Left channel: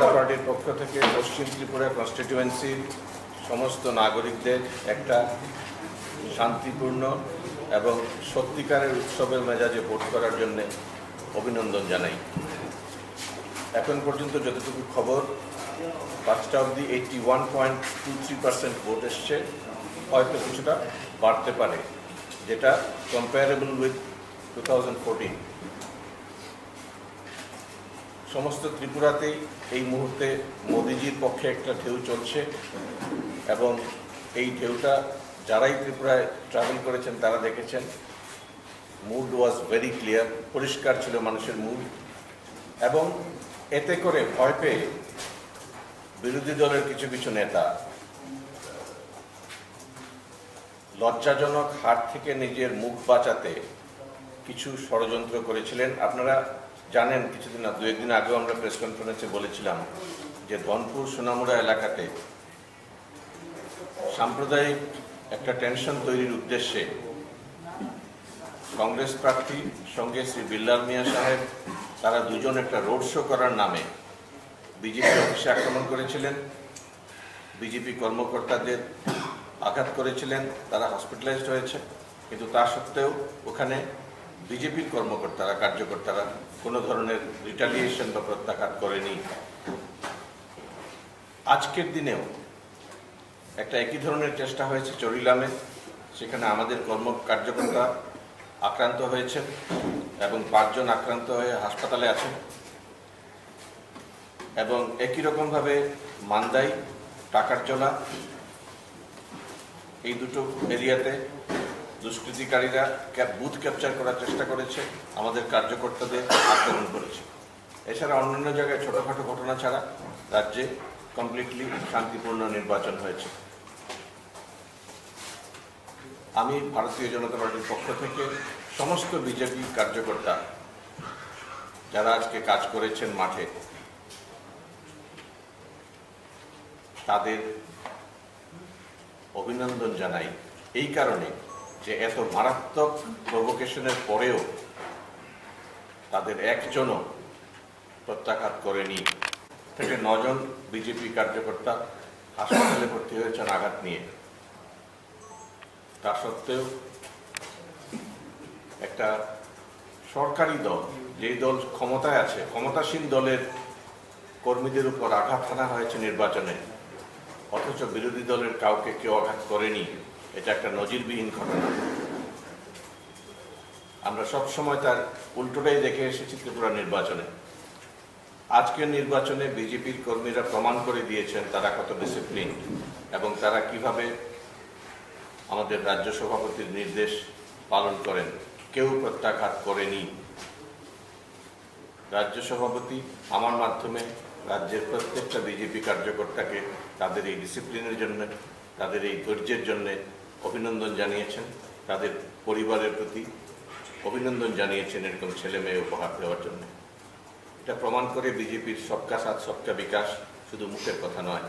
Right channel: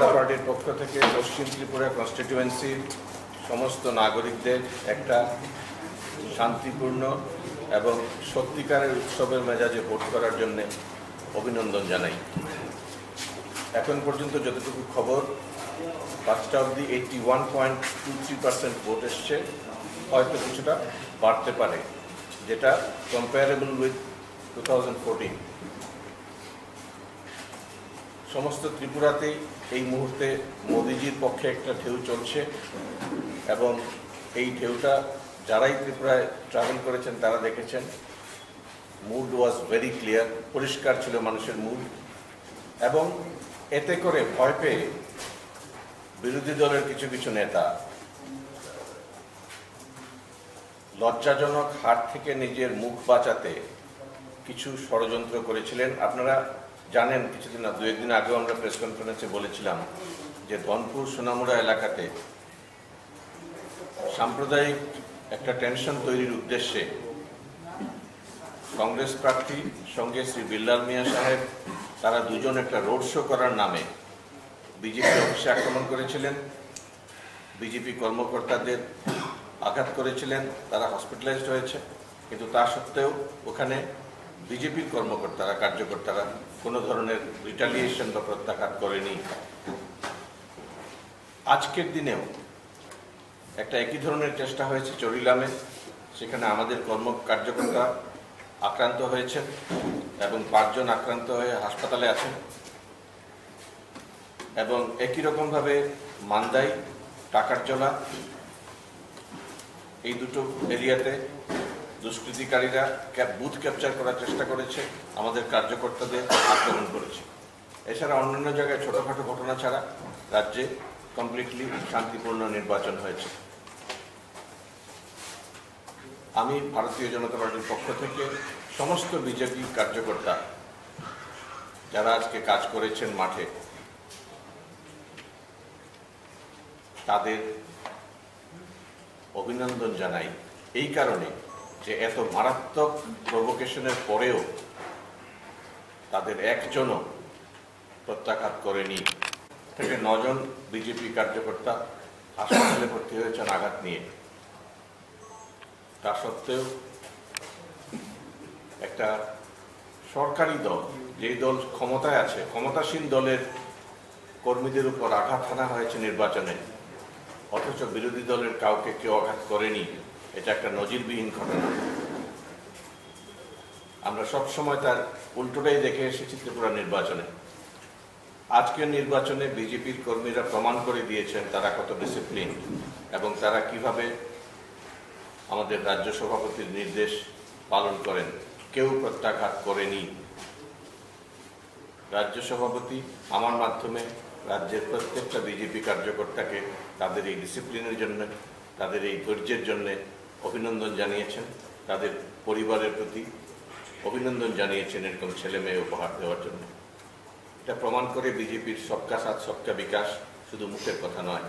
জনতা পার্টির পক্ষ থেকে পশ্চিম ত্রিপুরা কনস্টিটিউয়েন্সির সমস্ত নাগরিকদের একটা শান্তিপূর্ণ এবং সত্যিকারের উৎসবের মেজাজে ভোট করার জন্যে অভিনন্দন জানাই। এখন পর্যন্ত যতটুকু খবর, পাঁচটা অবধি eighty one point two three percent vote এসছে। হয়তো কিছুটা বাড়তে পারে, যেটা comparable with two thousand fourteen সমস্ত ত্রিপুরাতেই এই মুহূর্তে মোদিজির পক্ষে একটা ঢেউ চলছে এবং এই ঢেউটা যারাই ত্রিপুরায় ট্রাভেল করেছেন তারা দেখেছেন। মুড ওয়াজ ভেরি ক্লিয়ার পরিষ্কার ছিল মানুষের মুড এবং এতে করে ভয় পেয়ে বিরোধী দলের কিছু কিছু নেতা লজ্জাজনক হার থেকে নিজের মুখ বাঁচাতে কিছু ষড়যন্ত্র করেছিলেন। আপনারা জানেন, কিছুদিন দু একদিন আগেও আমরা প্রেস কনফারেন্সে বলেছিলাম যে ধনপুর সোনামুড়া এলাকাতে সাম্প্রদায়িক একটা টেনশন তৈরির উদ্দেশ্যে কংগ্রেস প্রার্থী সঙ্গে শ্রী বিল্লাল মিয়া সাহেব, তারা দুজন একটা রোড শো করার নামে বিজেপি অফিসে আক্রমণ করেছিলেন। বিজেপি কর্মকর্তাদের আঘাত করেছিলেন, তারা হসপিটালাইজড হয়েছে। কিন্তু তা সত্ত্বেও ওখানে বিজেপির কর্মকর্তারা, কার্যকর্তারা কোনো ধরনের রিটালিয়েশন বা প্রত্যাঘাত করেনি। আজকের দিনেও একটা একই ধরনের চেষ্টা হয়েছে চরিলামে সেখানে আমাদের কর্ম কার্যকর্তা আক্রান্ত হয়েছেন এবং পাঁচজন আক্রান্ত হয়ে হাসপাতালে আছেন। এবং একই রকমভাবে মান্দাই টাকার চলা এই দুটো এরিয়াতে দুষ্কৃতিকারীরা বুথ ক্যাপচার করার চেষ্টা করেছে, আমাদের কার্যকর্তাদের আক্রমণ করেছে। এছাড়া অন্যান্য জায়গায় ছোটখাটো ঘটনা ছাড়া রাজ্যে কমপ্লিটলি শান্তিপূর্ণ নির্বাচন হয়েছে। আমি ভারতীয় জনতা পার্টির পক্ষ থেকে সমস্ত বিজেপি কার্যকর্তা যারা আজকে কাজ করেছেন মাঠে, তাদের অভিনন্দন জানাই। এই কারণে যে এত মারাত্মক প্রভোকেশনের পরেও তাদের একজনও প্রত্যাঘাত করেনি। থেকে নজন বিজেপি কার্যকর্তা হাসপাতালে ভর্তি হয়েছেন আঘাত নিয়ে। তা সত্ত্বেও একটা সরকারি দল, যেই দল ক্ষমতায় আছে, ক্ষমতাসীন দলের কর্মীদের উপর আঘাত হানা হয়েছে নির্বাচনে, অথচ বিরোধী দলের কাউকে কেউ আঘাত করেনি। এটা একটা নজিরবিহীন ঘটনা। আমরা সব সময় তার উল্টোটাই দেখে এসেছি ত্রিপুরা নির্বাচনে। আজকের নির্বাচনে বিজেপির কর্মীরা প্রমাণ করে দিয়েছেন তারা কত ডিসিপ্লিন এবং তারা কীভাবে আমাদের রাজ্য সভাপতির নির্দেশ পালন করেন। কেউ প্রত্যাঘাত করেনি। রাজ্য সভাপতি আমার মাধ্যমে রাজ্যের প্রত্যেকটা বিজেপি কার্যকর্তাকে তাদের এই ডিসিপ্লিনের জন্য, তাদের এই ধৈর্যের জন্য অভিনন্দন জানিয়েছেন, তাদের পরিবারের প্রতি অভিনন্দন জানিয়েছেন এরকম ছেলে মেয়ে উপহার দেওয়ার জন্য। এটা প্রমাণ করে বিজেপির সবকা সাথ, সবকা বিকাশ শুধু মুখের কথা নয়।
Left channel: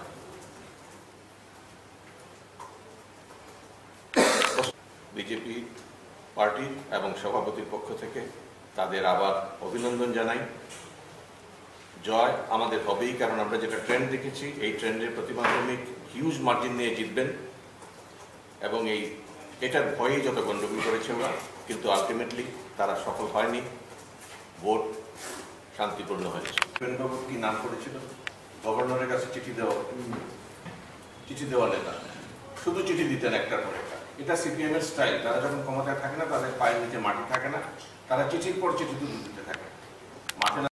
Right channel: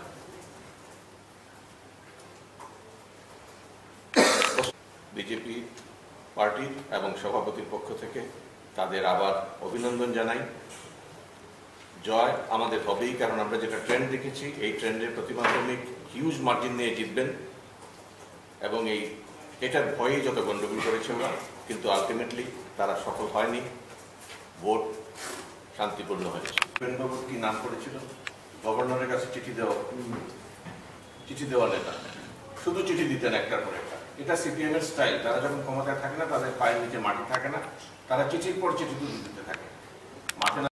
বিজেপি পার্টি এবং সভাপতির পক্ষ থেকে তাদের আবার অভিনন্দন জানাই। জয় আমাদের হবেই, কারণ আমরা যেটা ট্রেন্ড দেখেছি, এই ট্রেন্ডের প্রতিমাধ্যমিক হিউজ মার্জিন নিয়ে জিতবেন। এবং এই, এটার ভয়েই যত গণ্ডগোল করেছে ওরা, কিন্তু আলটিমেটলি তারা সফল হয়নি। ভোট শান্তিপূর্ণ হয়েছে। বাবু কি নাম করেছিল? গভর্নরের কাছে চিঠি দেওয়া চিঠি দেওয়া নেতা শুধু চিঠি দিতেন একটার পর একটা। এটা সিপিএম এর স্টাইল। তারা যখন ক্ষমতায় থাকে না, তাদের পায়ের নিচে মাটি থাকে না। তারা চিঠির পর চিঠি দিতে থাকে। মাঠে